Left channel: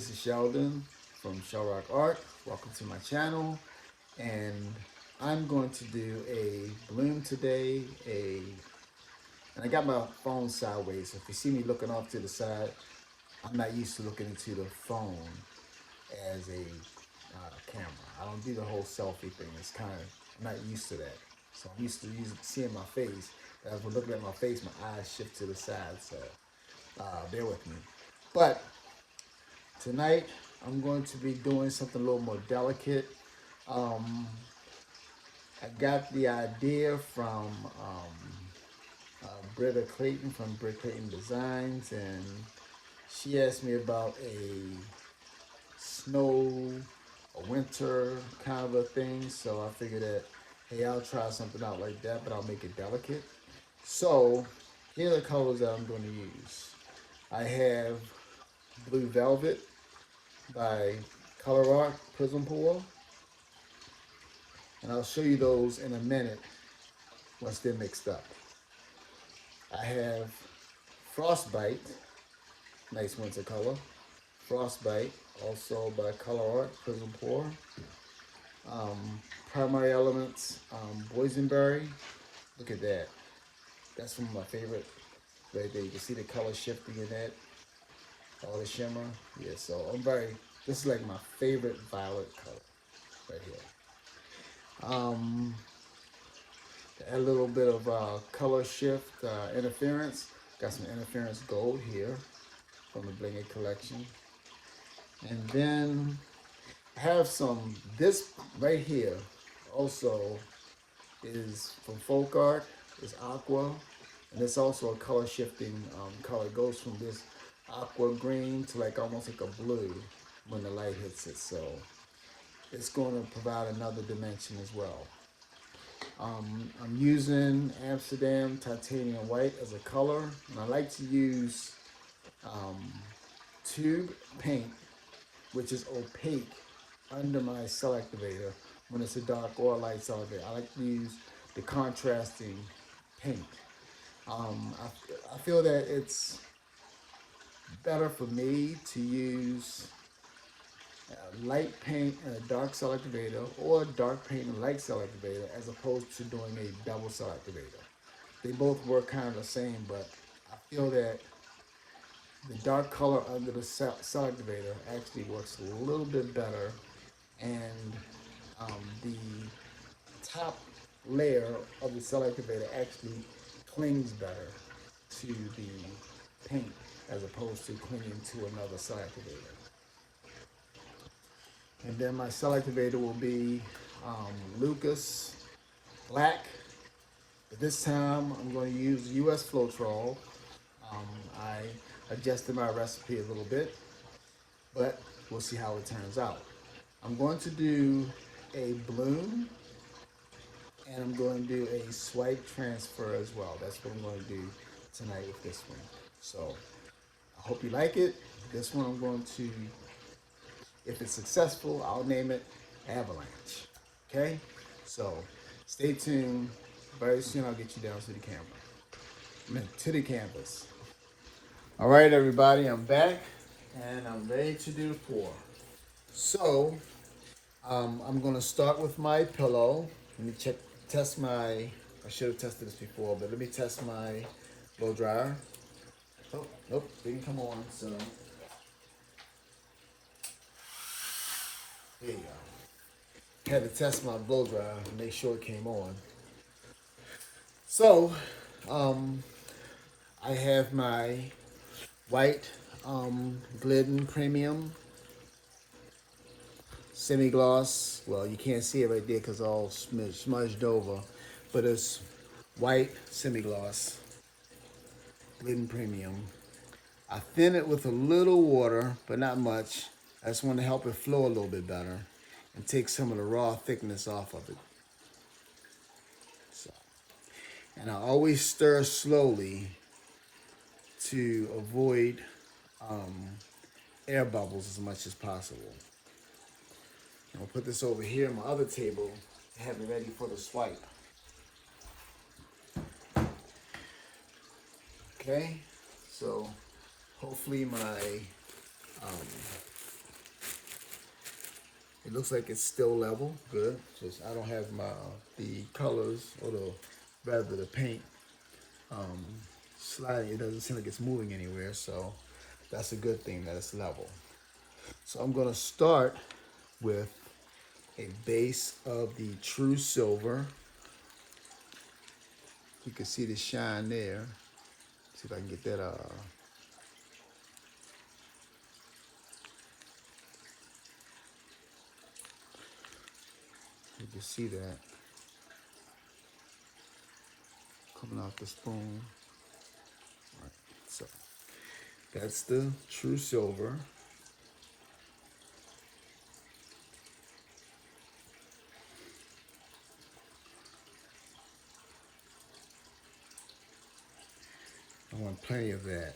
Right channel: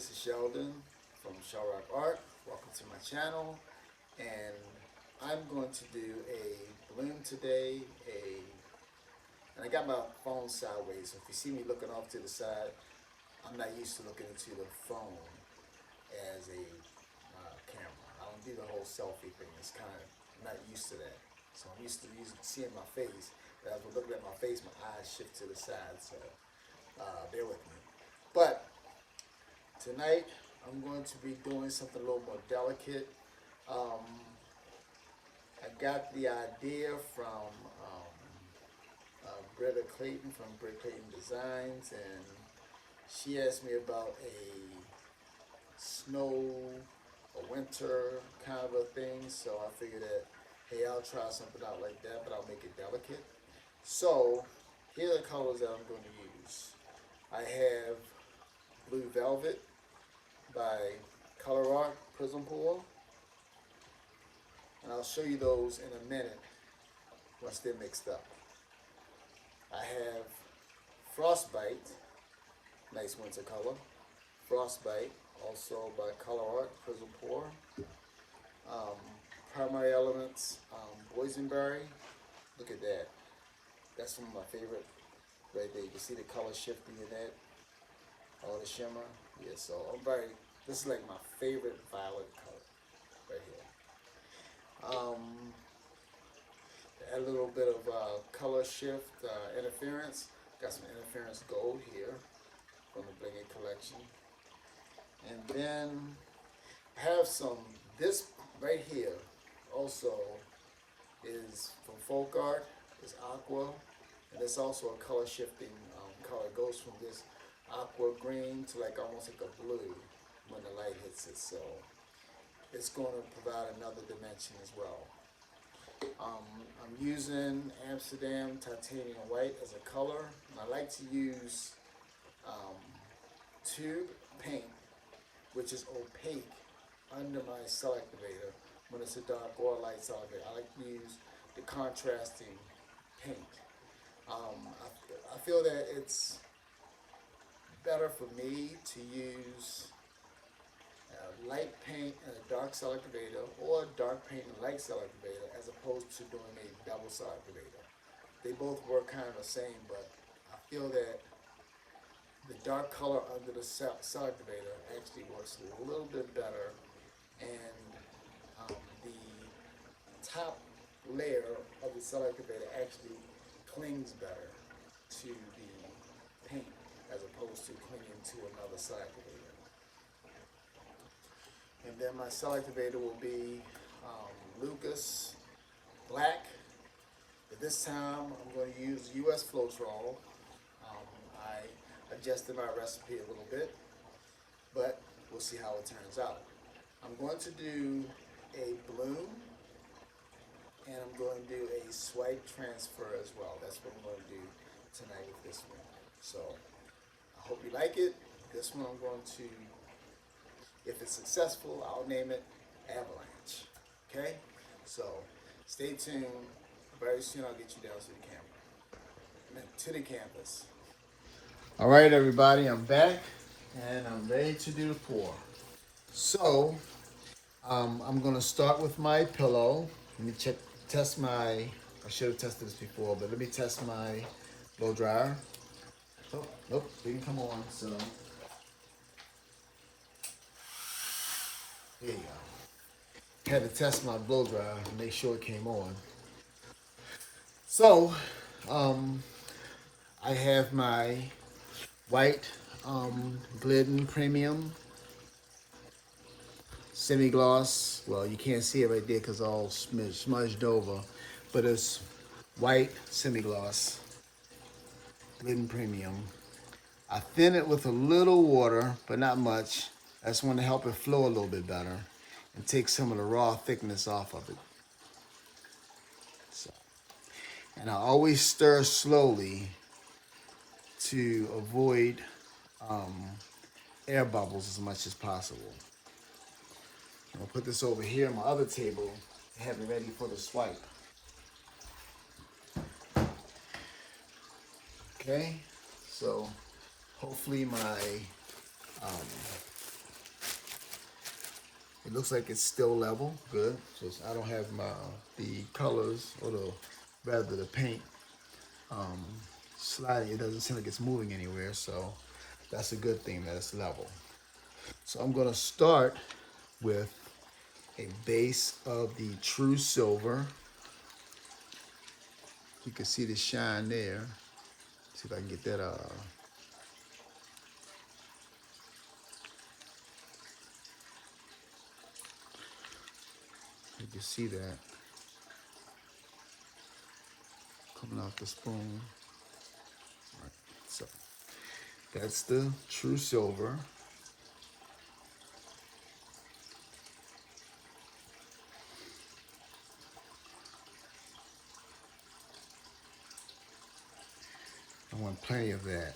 this is Sheldon from ColourArte. Welcome to my channel, and I'm going to do a bloom today. And I got my phone sideways, so if you see me looking off to the side, I'm not used to looking into the phone as a camera. I don't do the whole selfie thing. It's kind of, I'm not used to that. So I'm used to seeing my face. But as we're looking at my face, my eyes shift to the side. So bear with me. But tonight I'm going to be doing something a little more delicate. I got the idea from Britta Clayton from Britta Clayton Designs, and she asked me about a snow, a winter kind of a thing. So I figured that, hey, I'll try something out like that, but I'll make it delicate. So here are the colors that I'm going to use. I have Blue Velvet by ColourArte Prizm Pool, and I'll show you those in a minute once they're mixed up. I have Frostbite, nice winter color. Frostbite, also by ColourArte Prizm Pool. Primary Elements, Boysenberry. Look at that. That's one of my favorite right there. You can see the color shifting in that. All the shimmer. Yeah, so this is like my favorite violet color right here. A little bit of color shift interference. Got some interference gold here from the Blingy collection. And then I have this right here also is from Folk Art, is Aqua, and it's also a color shifting color. It goes from this aqua green to like almost like a blue when the light hits it. So it's going to provide another dimension as well. I'm using Amsterdam titanium white as a color, and I like to use tube paint, which is opaque, under my Cell Activator when it's a dark or a light Cell Activator. I like to use the contrasting paint. I feel that it's better for me to use light paint and a dark Cell Activator, or dark paint and light Cell Activator, as opposed to doing a double Cell Activator. They both work kind of the same, but I feel that the dark color under the Cell Activator actually works a little bit better, and the top layer of the Cell Activator actually clings better to the paint as opposed to clinging to another Cell Activator. And then my Cell Activator will be Lukas Black. But this time I'm going to use US floetrol. I adjusted my recipe a little bit, but we'll see how it turns out. I'm going to do a bloom, and I'm going to do a swipe transfer as well. That's what I'm going to do tonight with this one. So I hope you like it. This one I'm going to, if it's successful, I'll name it Avalanche. Okay? So stay tuned. Very soon I'll get you down to the camera. I mean, to the canvas. All right, everybody, I'm back, and I'm ready to do the pour. So I'm going to start with my pillow. Let me test my, I should have tested this before, but let me test my blow dryer. Oh, didn't come on, so there you go. Had to test my blow dryer to make sure it came on. So, I have my white Glidden Premium semi-gloss. Well, you can't see it right there because it's all smudged over, but it's white semi-gloss Glidden Premium. I thin it with a little water, but not much. I just want to help it flow a little bit better and take some of the raw thickness off of it. So, and I always stir slowly to avoid air bubbles as much as possible. I'm gonna put this over here on my other table to have it ready for the swipe. Okay, so hopefully my It looks like it's still level, good. Just I don't have the colors or the paint sliding. It doesn't seem like it's moving anywhere, so that's a good thing that it's level. So I'm gonna start with a base of the true silver. You can see the shine there. See if I can get that you can see that coming off the spoon. So that's the true silver. I want plenty of that.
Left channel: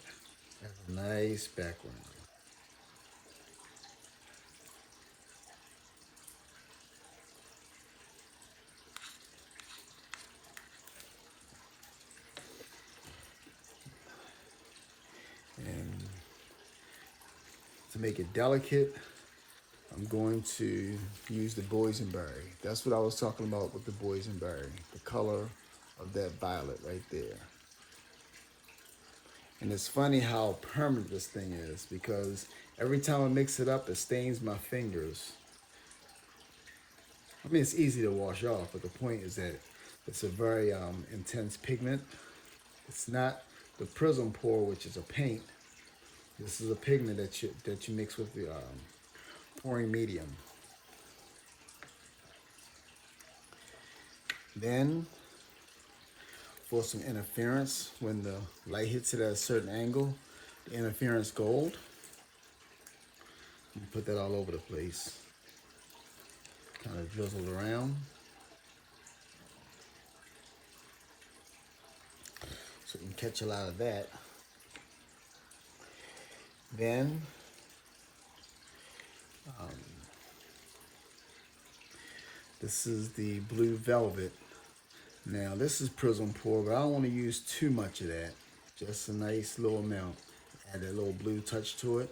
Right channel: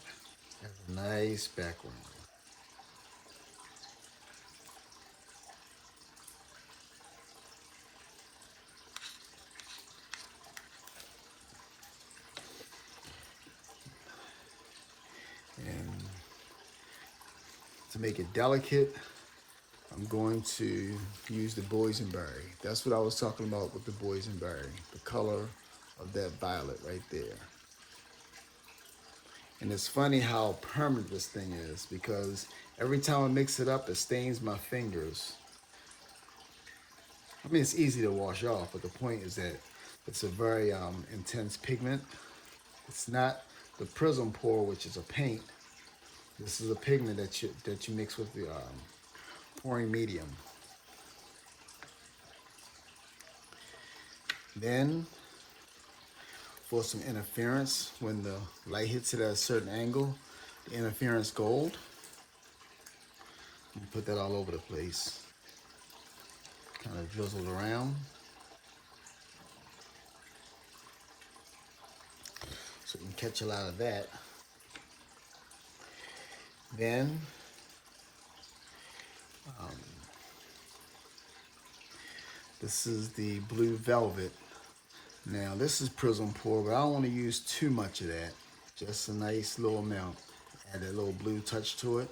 That's a nice background. And to make it delicate, I'm going to use the Boysenberry. That's what I was talking about with the Boysenberry, the color of that violet right there. And it's funny how permanent this thing is, because every time I mix it up, it stains my fingers. I mean, it's easy to wash off, but the point is that it's a very intense pigment. It's not the Prizm pour, which is a paint. This is a pigment that you mix with the pouring medium. Then, for some interference, when the light hits it at a certain angle, the interference gold. You put that all over the place. Kind of drizzled around. So you can catch a lot of that. Then, this is the blue velvet. Now this is Prizm pour, but I don't want to use too much of that. Just a nice little amount. Add a little blue touch to it.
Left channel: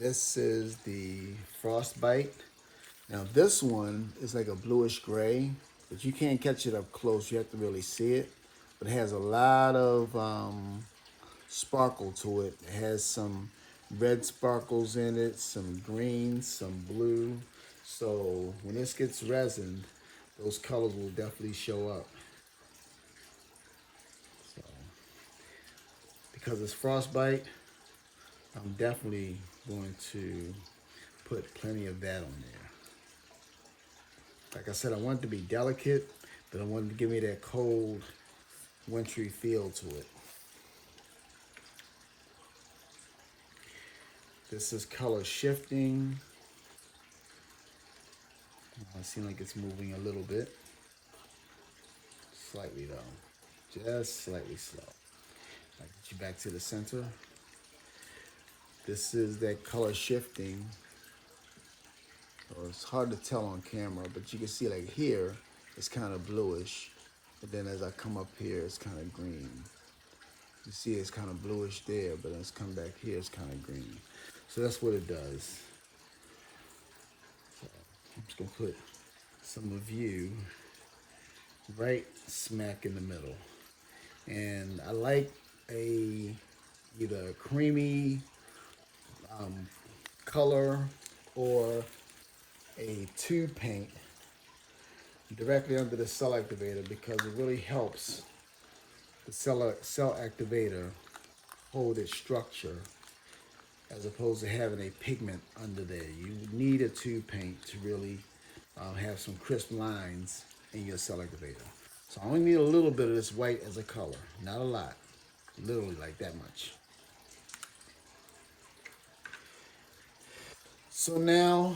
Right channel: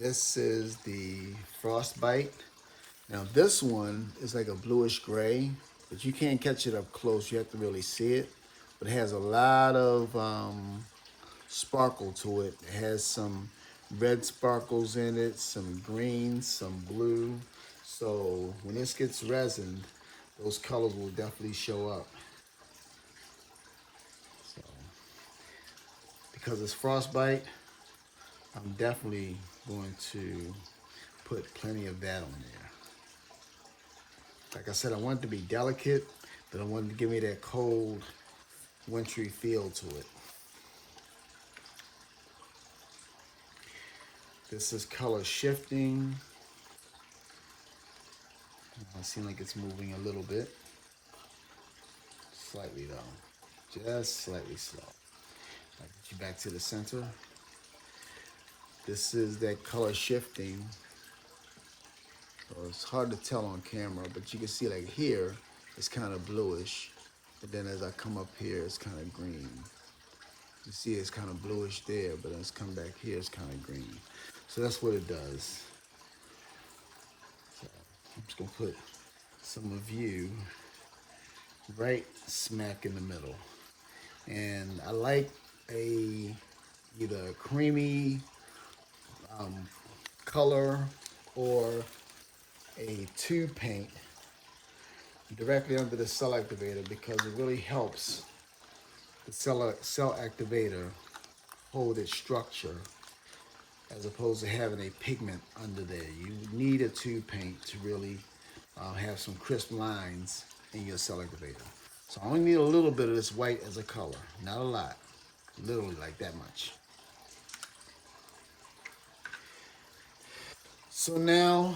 This is the Frostbite. Now this one is like a bluish gray, but you can't catch it up close. You have to really see it. But it has a lot of sparkle to it. It has some red sparkles in it, some green, some blue. So when this gets resined, those colors will definitely show up. So because it's Frostbite, I'm definitely going to put plenty of that on there. Like I said, I want it to be delicate, but I want it to give me that cold, wintry feel to it. This is color shifting. It seems like it's moving a little bit. Slightly though, just slightly slow. I'll get you back to the center. This is that color shifting. It's hard to tell on camera, but you can see like here, it's kind of bluish. But then as I come up here, it's kind of green. You see it's kind of bluish there, but it's come back here, it's kind of green. So that's what it does. So I'm just gonna put some of you right smack in the middle. And I like either a creamy color or a tube paint directly under the Cell Activator, because it really helps the Cell Activator hold its structure as opposed to having a pigment under there. You need a tube paint to really have some crisp lines in your Cell Activator. So I only need a little bit of this white as a color, not a lot, literally like that much. So now,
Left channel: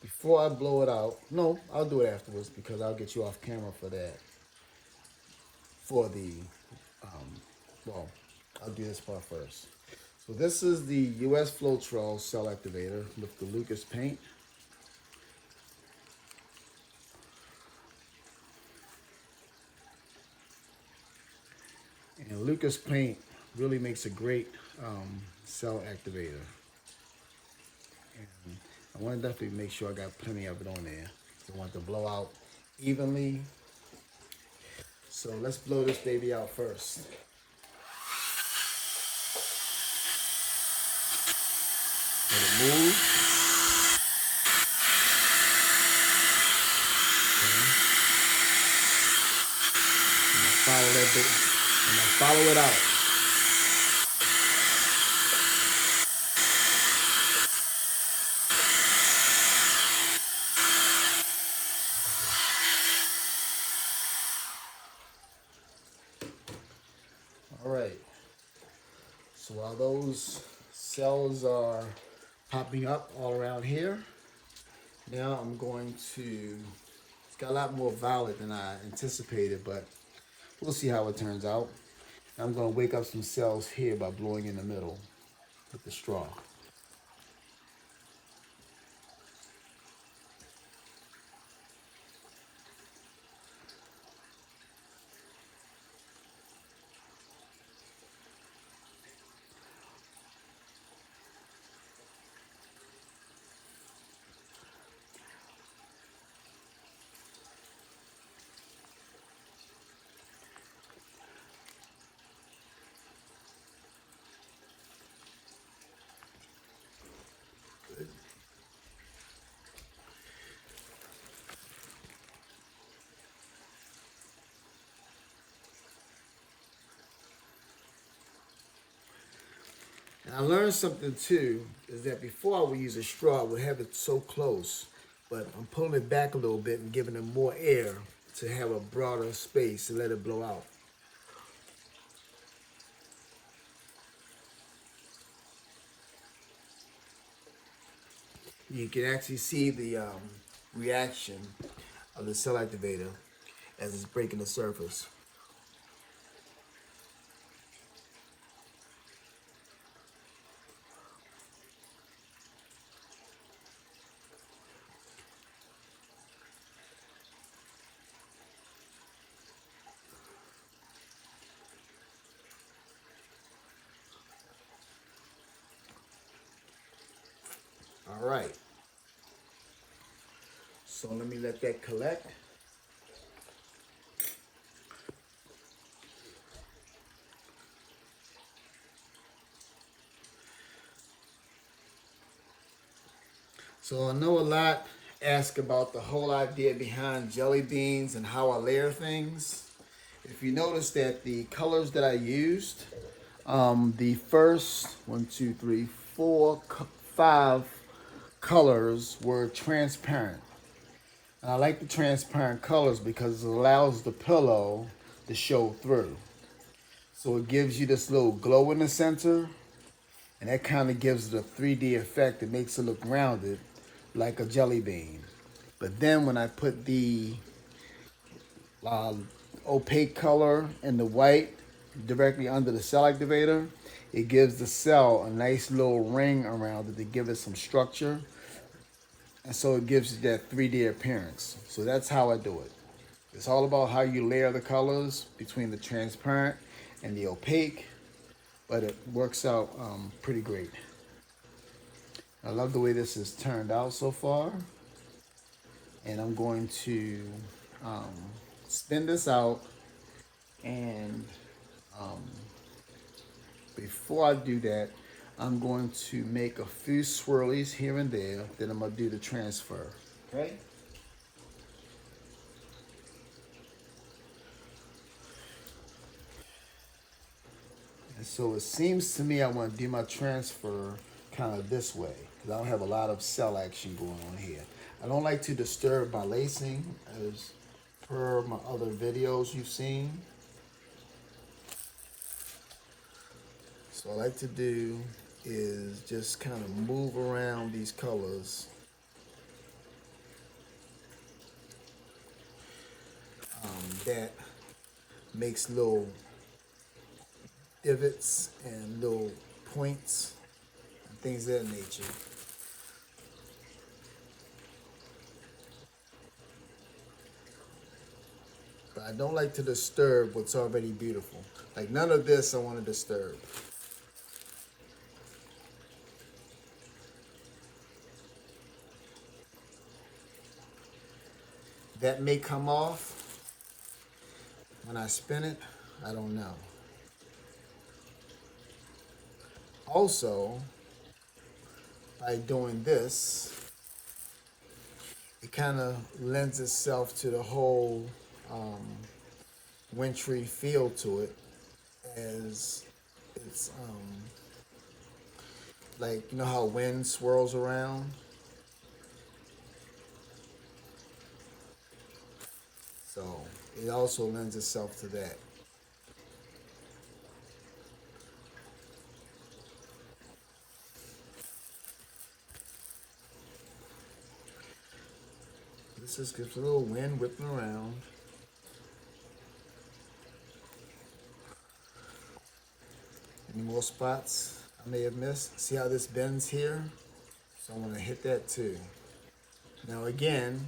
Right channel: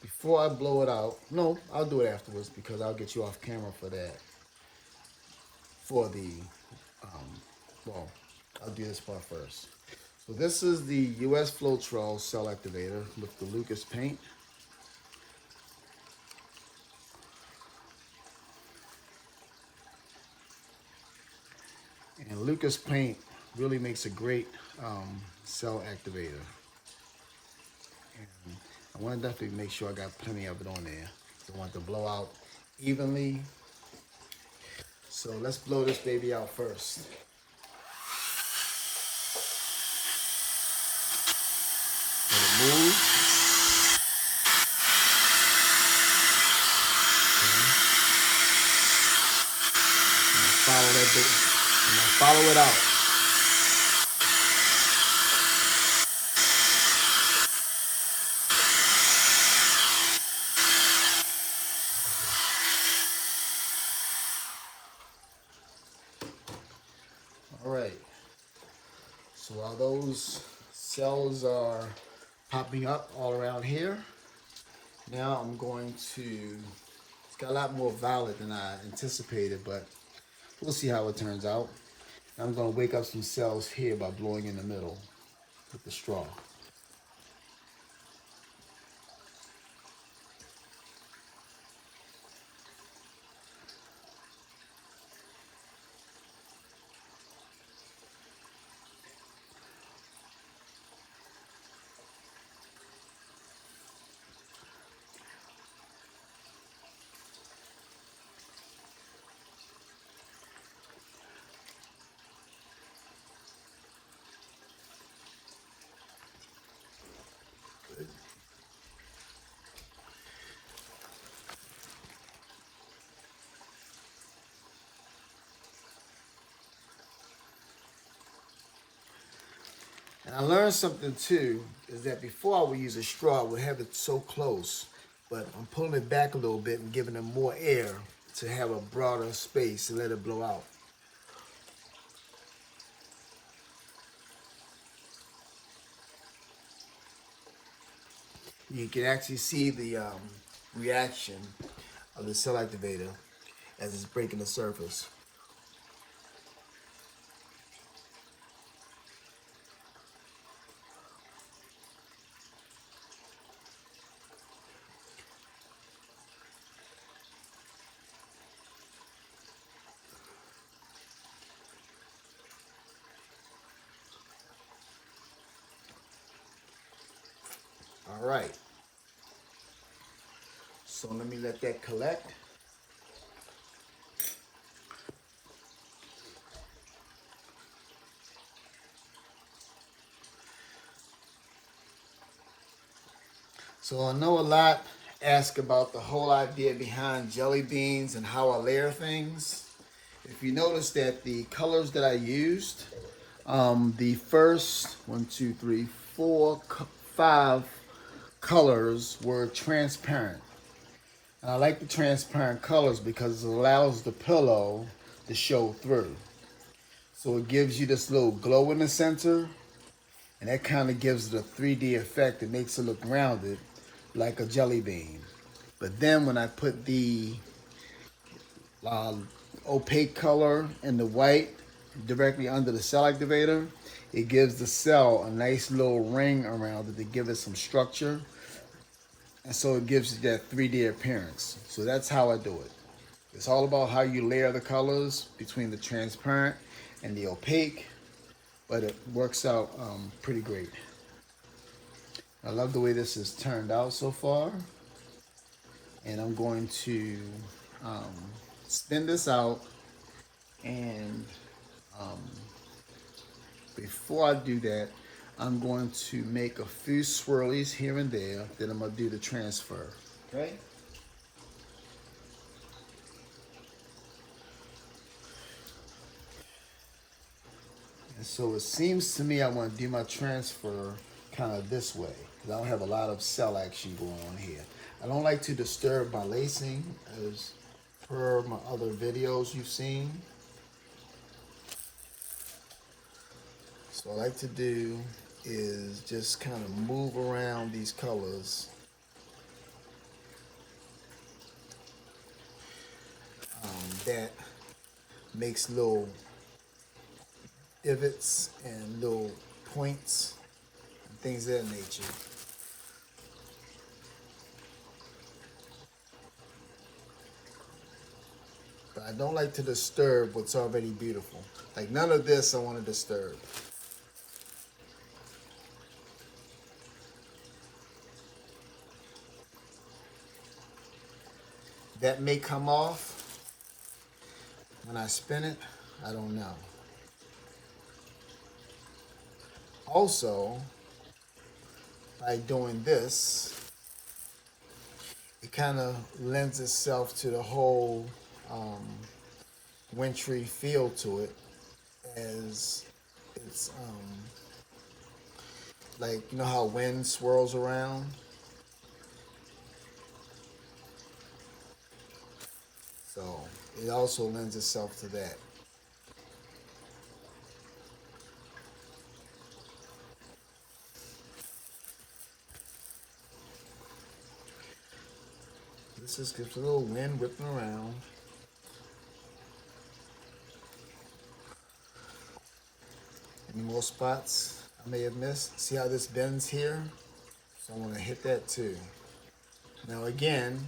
before I blow it out, no, I'll do it afterwards because I'll get you off camera for that. For the, well, I'll do this part first. So this is the US floetrol Cell Activator with the Lukas paint. And Lukas paint really makes a great cell activator. And I want to definitely make sure I got plenty of it on there. I want it to blow out evenly. So let's blow this baby out first. Let it move. Follow that bit. And follow it out. All right. So while those cells are popping up all around here, now I'm going to, it's got a lot more violet than I anticipated, but we'll see how it turns out. I'm going to wake up some cells here by blowing in the middle with the straw. And I learned something too, is that before I would use a straw, I would have it so close, but I'm pulling it back a little bit and giving it more air to have a broader space and let it blow out. You can actually see the reaction of the cell activator as it's breaking the surface. All right, so let me let that collect. So I know a lot ask about the whole idea behind jelly beans and how I layer things. If you notice that the colors that I used, the first 5 colors were transparent. And I like the transparent colors because it allows the pillow to show through. So it gives you this little glow in the center, and that kind of gives it a 3D effect. It makes it look rounded like a jelly bean. But then when I put the opaque color and the white directly under the cell activator, it gives the cell a nice little ring around it to give it some structure. And so it gives you that 3D appearance. So that's how I do it. It's all about how you layer the colors between the transparent and the opaque, but it works out pretty great. I love the way this has turned out so far. And I'm going to spin this out, and before I do that, I'm going to make a few swirlies here and there, then I'm going to do the transfer, okay? And so it seems to me I want to do my transfer kind of this way, because I don't have a lot of cell action going on here. I don't like to disturb my lacing, as per my other videos you've seen. So what I like to do is just kind of move around these colors. That makes little divots and little points and things of that nature. But I don't like to disturb what's already beautiful. Like none of this I want to disturb. That may come off when I spin it. I don't know. Also, by doing this, it kind of lends itself to the whole wintry feel to it, as it's like, you know how wind swirls around? So it also lends itself to that. This is just a little wind whipping around. Any more spots I may have missed? See how this bends here? So I'm gonna hit that too. Now again,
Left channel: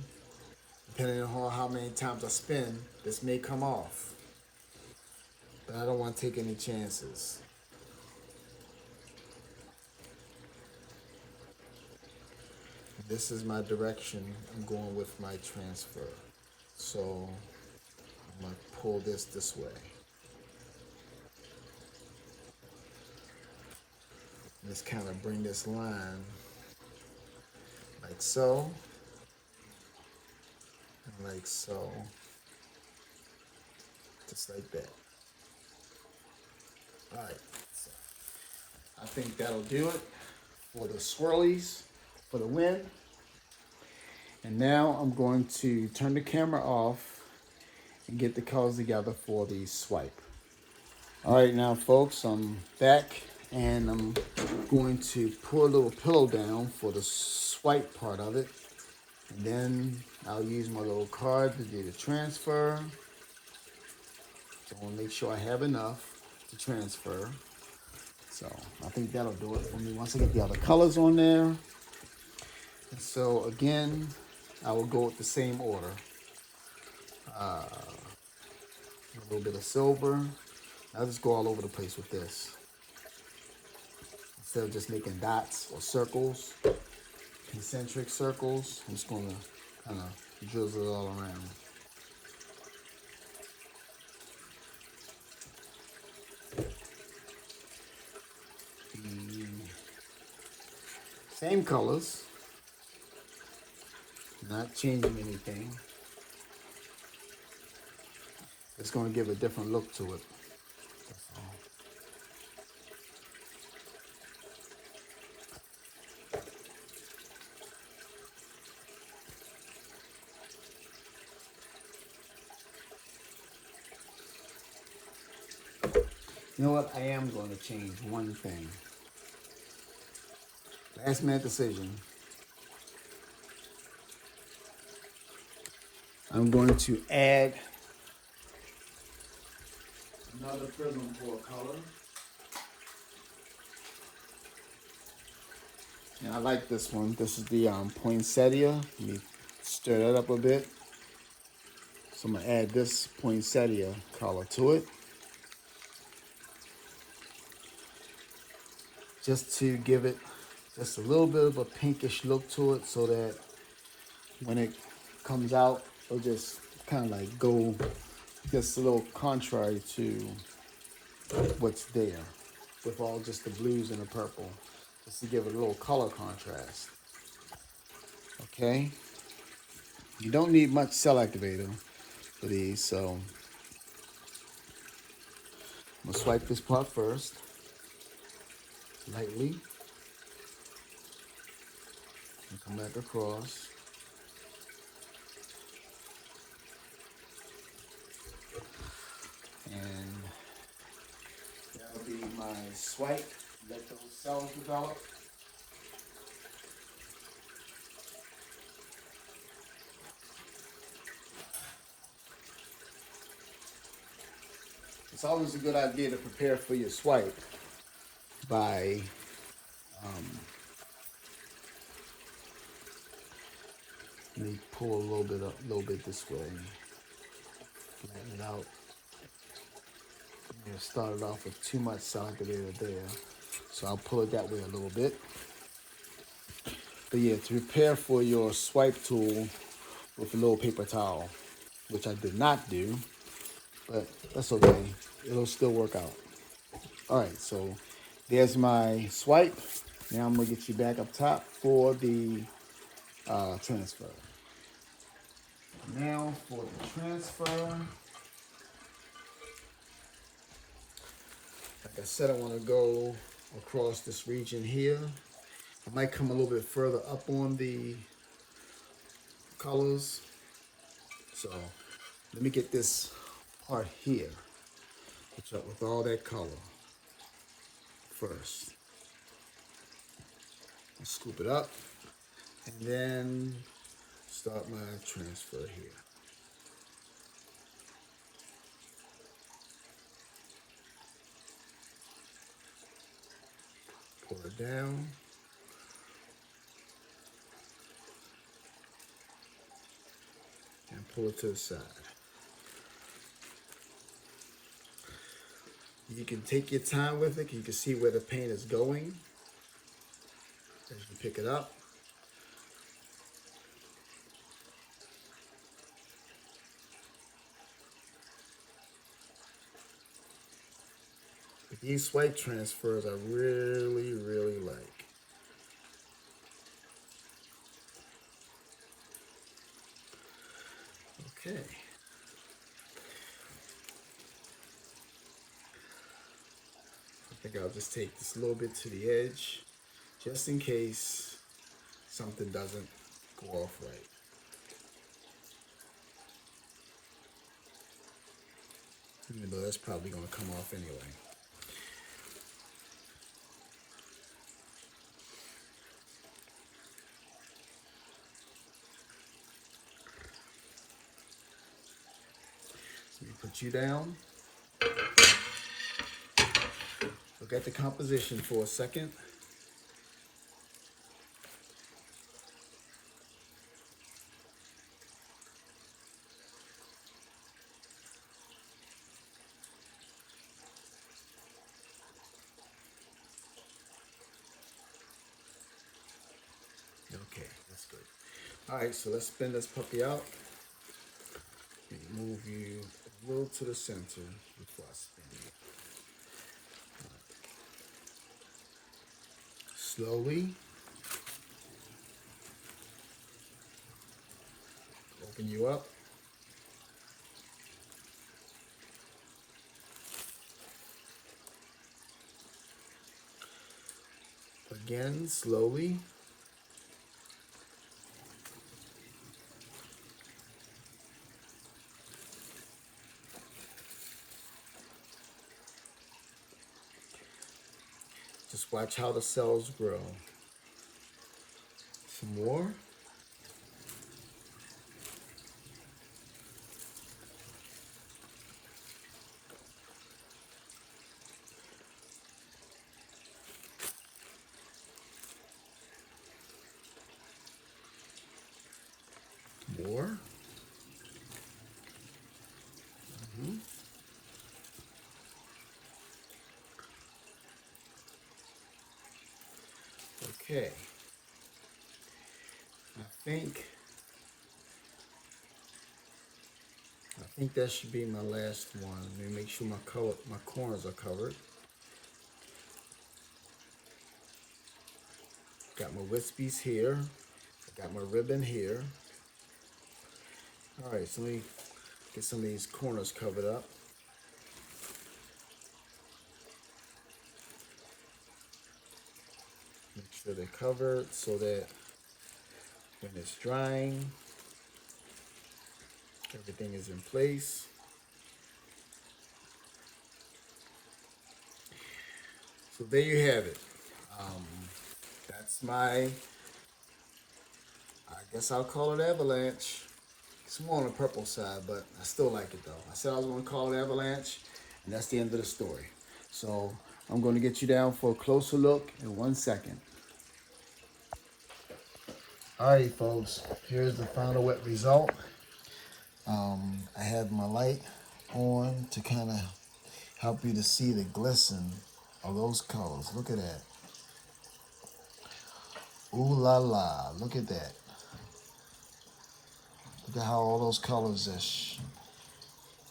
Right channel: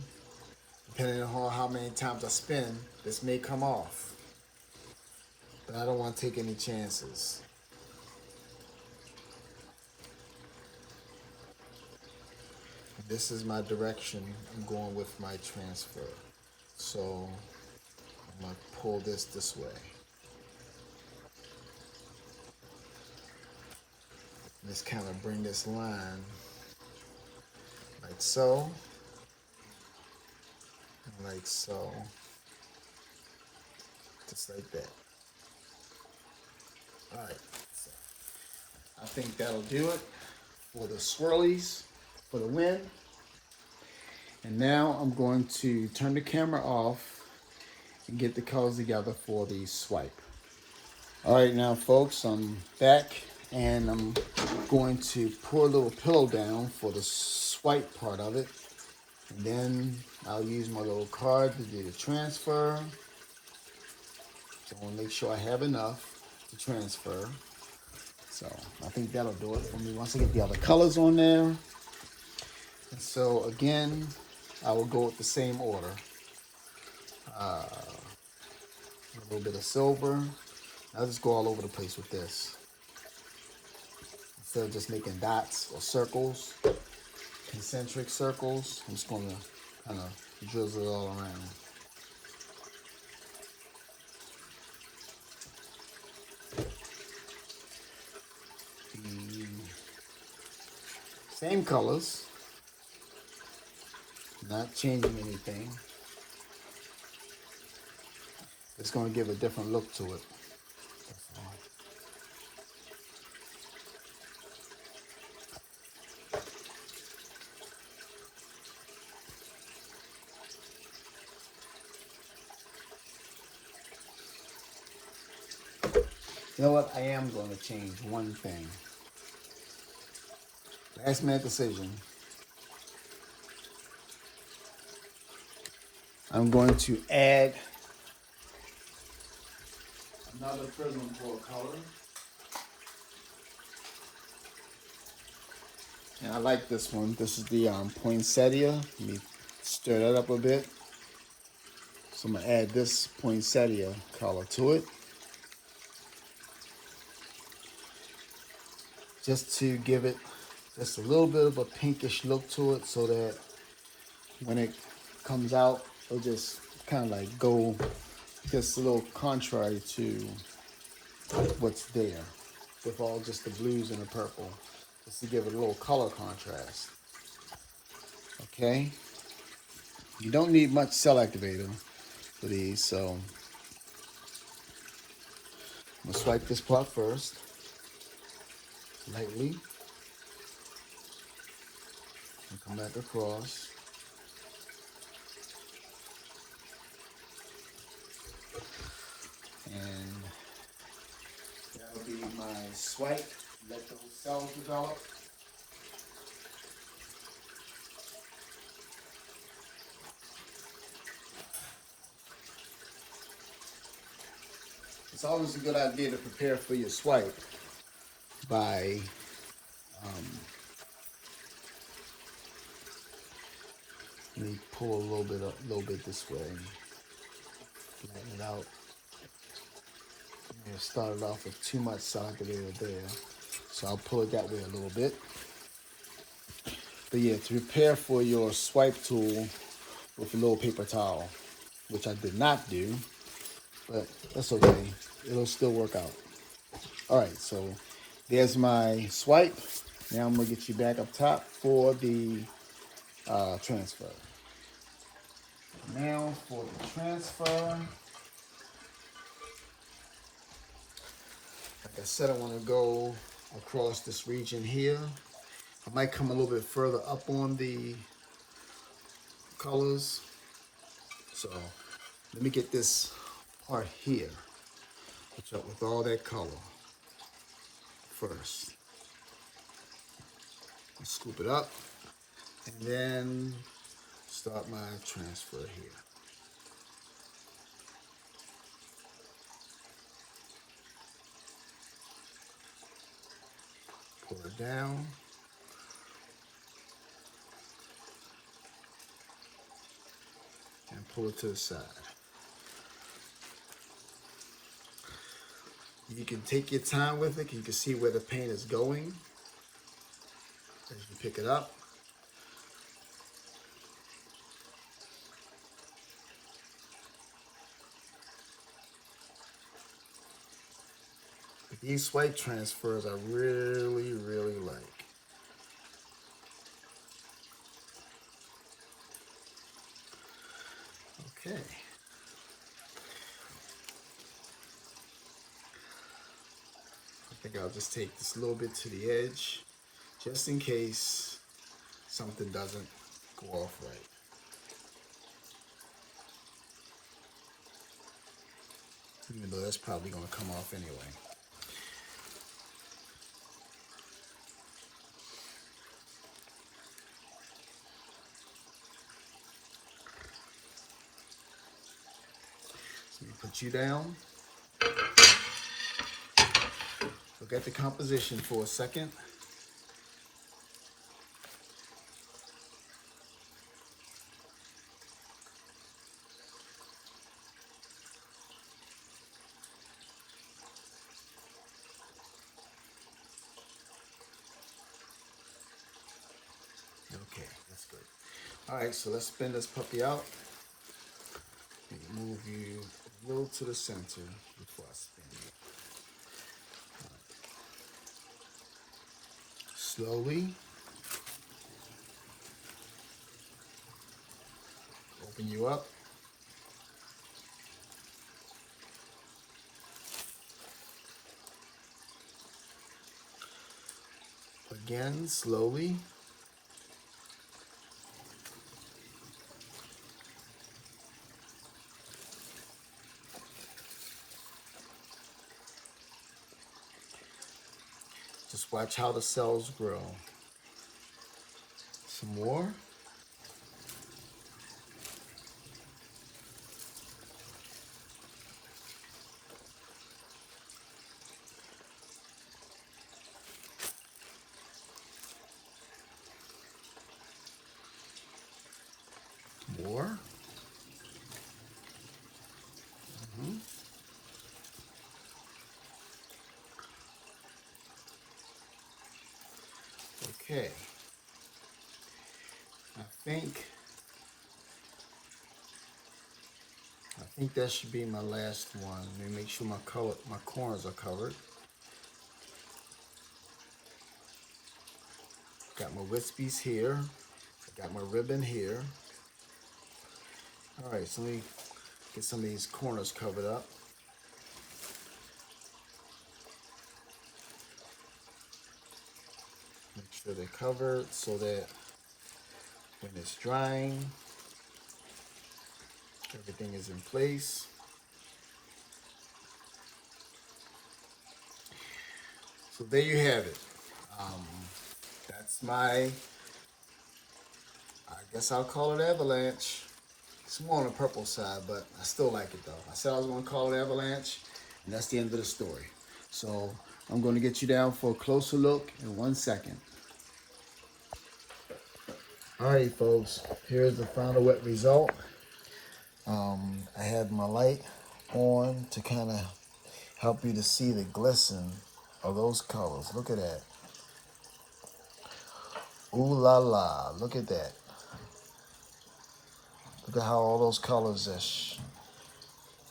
depending on how many times I spin, this may come off. But I don't want to take any chances. This is my direction I'm going with my transfer. So I'm gonna pull this way. Just kind of bring this line like so, and like so, just like that. All right, so I think that'll do it for the swirlies, for the wind. And now I'm going to turn the camera off and get the colors together for the swipe. All right, now folks, I'm back and I'm going to pour a little pillow down for the swipe part of it. And then I'll use my little card to do the transfer. So I want to make sure I have enough to transfer. So I think that'll do it for me once I get the other colors on there. And so again, I will go with the same order. A little bit of silver. I'll just go all over the place with this. Instead of just making dots or circles, concentric circles, I'm just going to kind of drizzle it all around. The same colors, not changing anything. It's going to give a different look to it. You know what? I am going to change one thing. Last minute decision. I'm going to add another Prizm for color. And I like this one. This is the Poinsettia. Let me stir that up a bit. So I'm going to add this Poinsettia color to it. Just to give it just a little bit of a pinkish look to it, so that when it comes out, it'll just kind of like go just a little contrary to what's there, with all just the blues and the purple, just to give it a little color contrast. Okay, you don't need much cell activator for these, so I'm gonna swipe this part first, lightly, and come back across. And that'll be my swipe. Let those cells develop. It's always a good idea to prepare for your swipe by let me pull a little bit this way. Flatten out. It started off with too much Cell Activator there, so I'll pull it that way a little bit. But yeah, to prepare for your swipe tool with a little paper towel, which I did not do, but that's okay. It'll still work out. All right, so there's my swipe. Now I'm gonna get you back up top for the transfer. Now for the transfer. Like I said, I want to go across this region here. I might come a little bit further up on the colors. So let me get this part here with all that color first. Scoop it up and then start my transfer here. Pour it down. And pull it to the side. You can take your time with it. You can see where the paint is going as you pick it up. But these swipe transfers I really, really like. Okay. I think I'll just take this a little bit to the edge, just in case something doesn't go off right. Even though that's probably going to come off anyway. So you put you down. Look at the composition for a second. Okay, that's good. All right, so let's spin this puppy out. Move you a little to the center before I spin it. Slowly open you up. Again, slowly. Just watch how the cells grow. Some more. More. Okay. I think that should be my last one. Let me make sure my corners are covered. Got my wispies here. I got my ribbon here. All right, so let me get some of these corners covered up. Make sure they're covered so that when it's drying, everything is in place. So there you have it. That's my, I guess I'll call it avalanche. It's more on the purple side, but I still like it though. I said I was gonna call it avalanche, and that's the end of the story. So I'm gonna get you down for a closer look in 1 second. All right, folks, here's the final wet result. I have my light on to kind of help you to see the glisten of those colors. Look at that. Ooh la la, look at that. Look at how all those colors just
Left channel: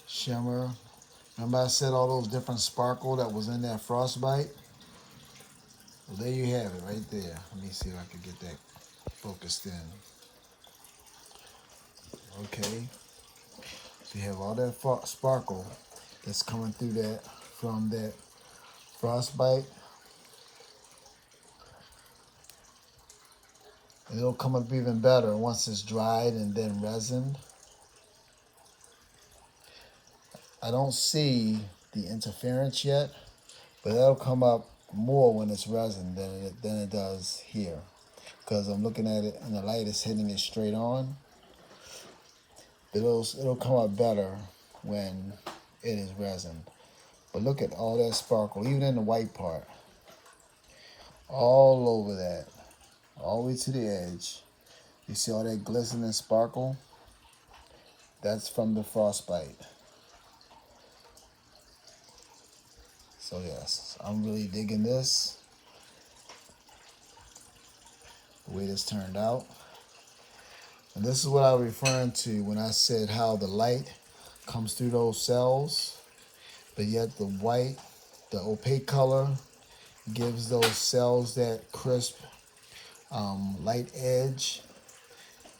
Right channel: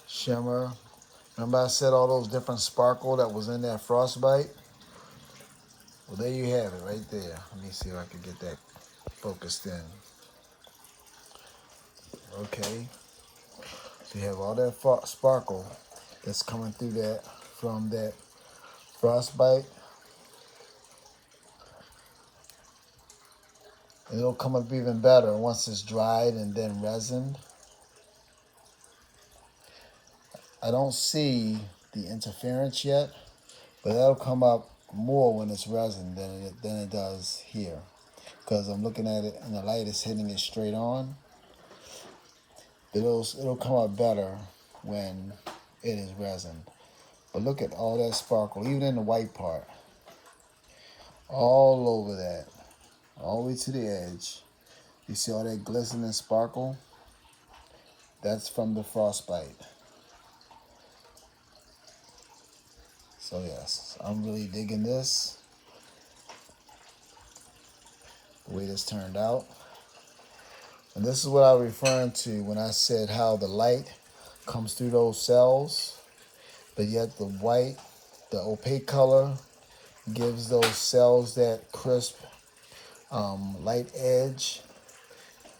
shimmer. Remember I said all those different sparkle that was in that Frostbite? Well, there you have it right there. Let me see if I can get that focused in. Okay. So you have all that sparkle that's coming through that from that Frostbite. And it'll come up even better once it's dried and then resined. I don't see the interference yet, but that'll come up more when it's resin than it does here. Because I'm looking at it and the light is hitting it straight on. It'll come up better when it is resin. But look at all that sparkle, even in the white part. All over that. All the way to the edge. You see all that glistening sparkle? That's from the Frostbite. So yes, I'm really digging this. The way this turned out. And this is what I was referring to when I said how the light comes through those cells, but yet the white, the opaque color, gives those cells that crisp light edge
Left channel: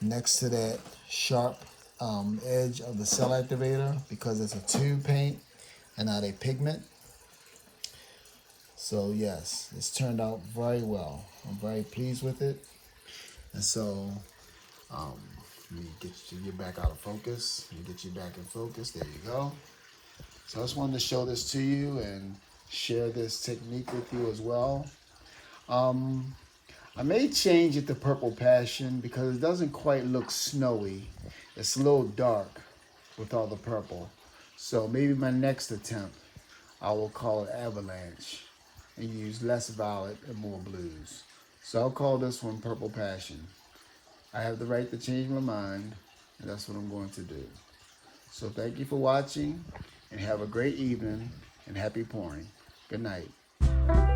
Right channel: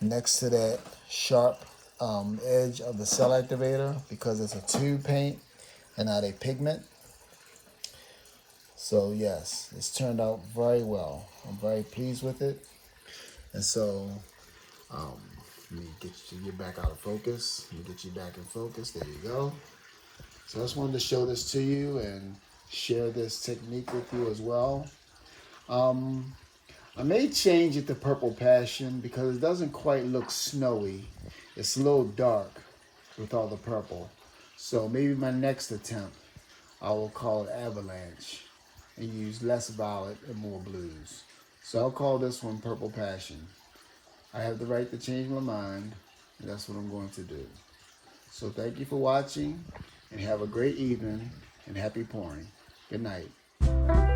next to that sharp edge of the Cell Activator, because it's a tube paint and not a pigment. So yes, it's turned out very well. I'm very pleased with it. And so, let me get you back out of focus. Let me get you back in focus. There you go. So I just wanted to show this to you and share this technique with you as well. I may change it to Purple Passion because it doesn't quite look snowy. It's a little dark with all the purple. So maybe my next attempt, I will call it Avalanche and use less violet and more blues. So I'll call this one Purple Passion. I have the right to change my mind, and that's what I'm going to do. So thank you for watching, and have a great evening, and happy pouring. Good night.